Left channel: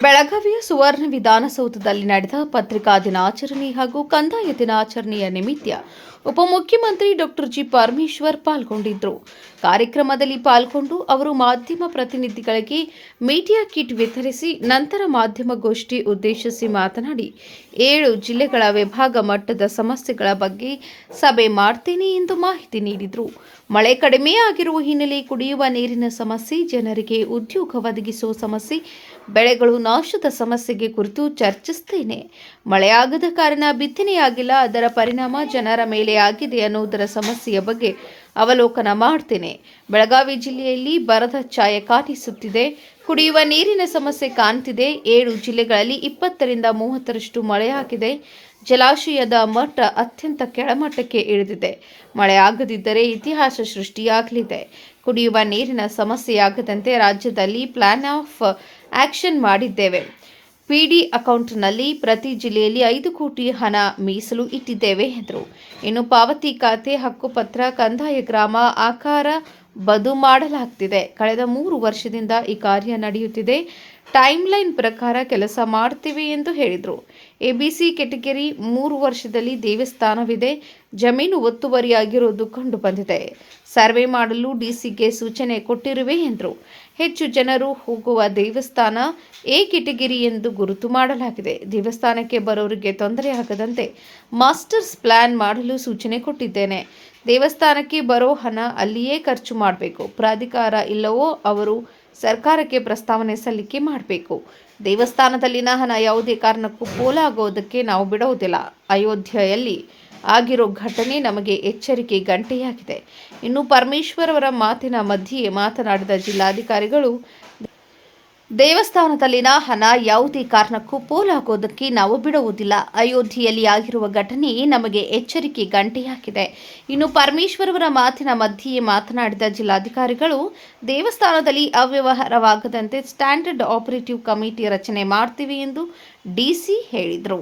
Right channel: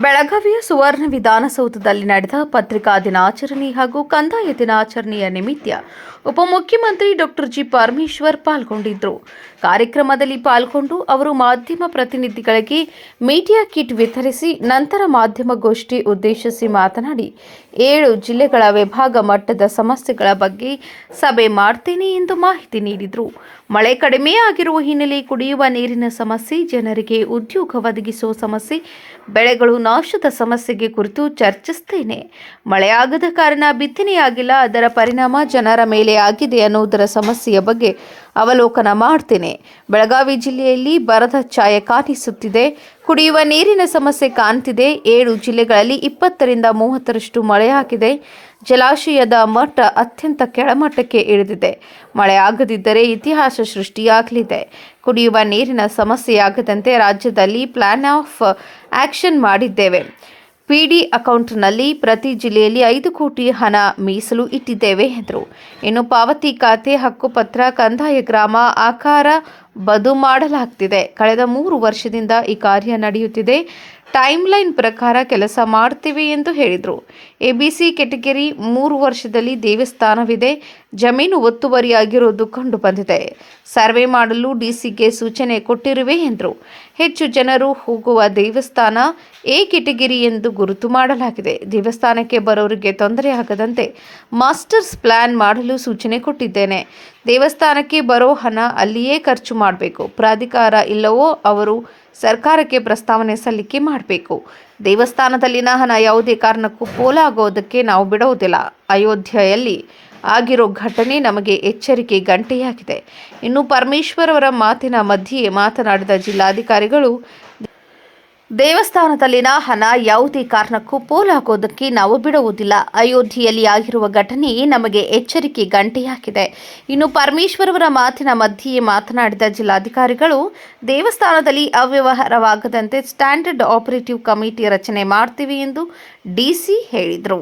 ಬೆಳಗಾವಿಯ ಸುವರ್ಣ ವಿಧಾನಸೌಧದಲ್ಲಿ ನಡೆದ ಪತ್ರಿಕಾ ದಿನಾಚರಣೆ ಹಾಗೂ ಕಂದಾಯ ದಿನಾಚರಣೆಯ ನಿಮಿತ್ತ ಉಪಮುಖ್ಯಮಂತ್ರಿ ಡಾಕ್ಟರ್ ಜಿ ಪರಮೇಶ್ವರ್ ಪಾಲ್ಗೊಂಡಿದ್ದರು. ಕಾರ್ಯಕ್ರಮದಲ್ಲಿ ಪಾಲ್ಗೊಂಡು ಅವರು ಮಾಧ್ಯಮ ಪ್ರತಿನಿಧಿಗಳಿಗೆ ಮೀಡಿಯಾ ಕಿಟ್ ವಿತರಿಸಿ ನಂತರ ಮಾಧ್ಯಮಗೋಷ್ಠಿ ಉದ್ದೇಶಿಸಿ ಮಾತನಾಡಿ 7 ಜಿಲ್ಲೆಗಳ ವಿಭಾಗ ಮಟ್ಟದ ಸಮಸ್ಯೆಗಳ ಬಗ್ಗೆ ಸಭೆ ಮಾಡ್ತೇನೆ ಎಂದು ಮಾಹಿತಿ ನೀಡಿದರು. ಮಳೆ ಕಡಿಮೆ ಆಗಿರುವ ಹಿನ್ನೆಲೆ ಕುಡಿಯುವ ನೀರಿನ ಸಮಸ್ಯೆ, ಜನರಿಗೆ ಉದ್ಯೋಗ ಒದಗಿಸುವ ಸಮಸ್ಯೆ, ಬೆಳೆಗಳು ನಾಶದ ಸಮಸ್ಯೆಗೆ ಕುರಿತು ಚರ್ಚಿಸುತ್ತೇನೆ. ಮಳೆಯಾಗದ ಕಾರಣ ಬಿತ್ತನೆಯಾಗಿಲ್ಲ, ಅದರ ಪರಿಣಾಮ ಜನರ ಮೇಲೆ ಆಗಿದೆ ಅನ್ನುವುದರ ಸಮಸ್ಯೆಯ ಬಗ್ಗೆ ಅವಲೋಕನ ಮಾಡ್ತೇನೆ. ಬೆಳಗಾವಿ ಜಿಲ್ಲೆಯಲ್ಲಿ ಬರದ ಛಾಯೆ ಕಾಣಿಸುತ್ತಿದೆ. ಕುಡಿಯುವ ನೀರಿನ ಸಮಸ್ಯೆ ಕಾಣ್ತಿದೆ. 7 ಜಿಲ್ಲೆಗಳಲ್ಲಿ 20ರಿಂದ 30ರಷ್ಟು ಮಳೆಯಾಗಿದೆ. ಜಲಾಶಯದ ಮಟ್ಟ ಅತ್ಯಂತ ಕೆಳಮಟ್ಟಕ್ಕೆ ಇಳಿದಿದೆ. ಮಳೆ ಆಗದಿದ್ದರೆ ಇತಿಹಾಸ ಸೃಷ್ಟಿಯಾಗಲಿದೆ. ಕುಡಿಯುವ ನೀರಿನ ಸಮಸ್ಯೆಯಾಗದಂತೆ ರಾಜ್ಯದಲ್ಲಿ ಪ್ಲಾನ್ ಆಫ್ ಆಕ್ಷನ್ ಮಾಡಿದ್ದೇವೆ. PD ಅಕೌಂಟ್ನಲ್ಲಿ ಪ್ರತಿ ಜಿಲ್ಲೆಯಲ್ಲಿ 5 ಕೋಟಿ ಹಣ ಮೀಸಲು ಇಟ್ಟಿದ್ದೇವೆ ಎಂದರು. ಇನ್ನು ಪಾವತಿ ಖಾತೆ, ಹಕ್ಕುಪತ್ರ, ಕಂದಾಯ ಗ್ರಾಮ ಆಕಾರ ಬದು ಮಾಡಲಾಗ್ತಿದೆ. ಕಳೆದ 3 ವರ್ಷದಿಂದ ಈ ಕಾರ್ಯ ನಡೆಯುತ್ತಿದೆ. ಟೈಮ್ಲೈನ್ ಪ್ರಕಾರ ಕೆಲಸ ಮಾಡ್ತೀವಿ ಎಂದು ಹೇಳಿದರು. ABC ಕೆಟಗರಿ 3 ವರ್ಷದಲ್ಲಿ ದೇವಸ್ಥಾನವಿದೆ. ಜಮೀನು ಒತ್ತುವರಿಯಾಗಿರುವುದು ಕಂಡು ಬಂದಿದೆ. ಸರ್ವೆ ಮಾಡಲು DCಗೆ ಸೂಚನೆ ಕೊಟ್ಟಿರುವೆ ಎಂದರು. ಹೆಚ್ಚು ಜನರು ಹೋಗುವ ದೇವಸ್ಥಾನ A ಕೆಟಗರಿ ಎಂದು ಗುರುತು ಮಾಡಲಾಗಿದೆ. ದೇವಸ್ಥಾನಕ್ಕೆ ಬರೋರಿಗೆ ತೊಂದರೆ ಆಗದಂತೆ ಮಾಸ್ಟರ್ಸ್ ಪ್ಲಾನ್ ಮಾಡಲು ಸೂಚನೆ ಕೊಟ್ಟಿದ್ದೇನೆ. ದೇವಸ್ಥಾನಕ್ಕೆ ಬರೋ ಹಣ ಅಲ್ಲಿಯೇ ಖರ್ಚು ಮಾಡಬೇಕು. ಪ್ರಾಧಿಕಾರ ಇಲ್ಲವೋ ಅವರು ಸರ್ಕಾರಕ್ಕೆ ಪ್ರಸ್ತಾವನೆ ಸಲ್ಲಿಕೆ ಮಾಡಬೇಕು. ದೇವಸ್ಥಾನದಲ್ಲಿನ ಹಣ ಯಾವುದೇ ಕಾರಣಕ್ಕೂ ಪೋಲಾಗೋದಕ್ಕೆ ನಾವು ಬಿಡುವುದಿಲ್ಲ. ಅಯೋಧ್ಯೆಯಲ್ಲಿ ಆಗಿರೋ ಘಟನೆ ನಮಗೆ ಎಚ್ಚರಿಕೆ ಗಂಟೆಯಾಗಿದೆ. ಇನ್ನು ಪರಮೇಶ್ವರ್ ಅವರ ಮಾತಿನ ಮಧ್ಯೆ ಮಾತನಾಡಿದ ಜಿಲ್ಲಾಧಿಕಾರಿಗಳು, ದೇವಸ್ಥಾನದಲ್ಲಿನ ಹಣ ಯಾವುದೇ ಕಾರಣಕ್ಕೂ ಪೋಲಾಗೋದಕ್ಕೆ ನಾವು ಬಿಡುವುದಿಲ್ಲ. ಅಯೋಧ್ಯೆಯಲ್ಲಿ ಆಗಿರುವ ಘಟನೆ ನಮಗೆ ಎಚ್ಚರಿಕೆ ಗಂಟೆಯಾಗಿದೆ. ಇನ್ನು ಪರಮೇಶ್ವರ್ ಅವರ ಮಾತಿನ ಮಧ್ಯೆ ಮಾತನಾಡಿದ ಜಿಲ್ಲಾಧಿಕಾರಿಗಳು, ದೇವಸ್ಥಾನದಲ್ಲಿ ಅವ್ಯವಹಾರವಾಗದಂತೆ ಸ್ಟ್ಯಾಂಡರ್ಡ್ ಆಪರೇಟಿವ್ ಕಮಿಟಿ ರಚನೆ ಮಾಡ್ತೀವಿ ಎಂದು DC ಹೇಳಿದರು.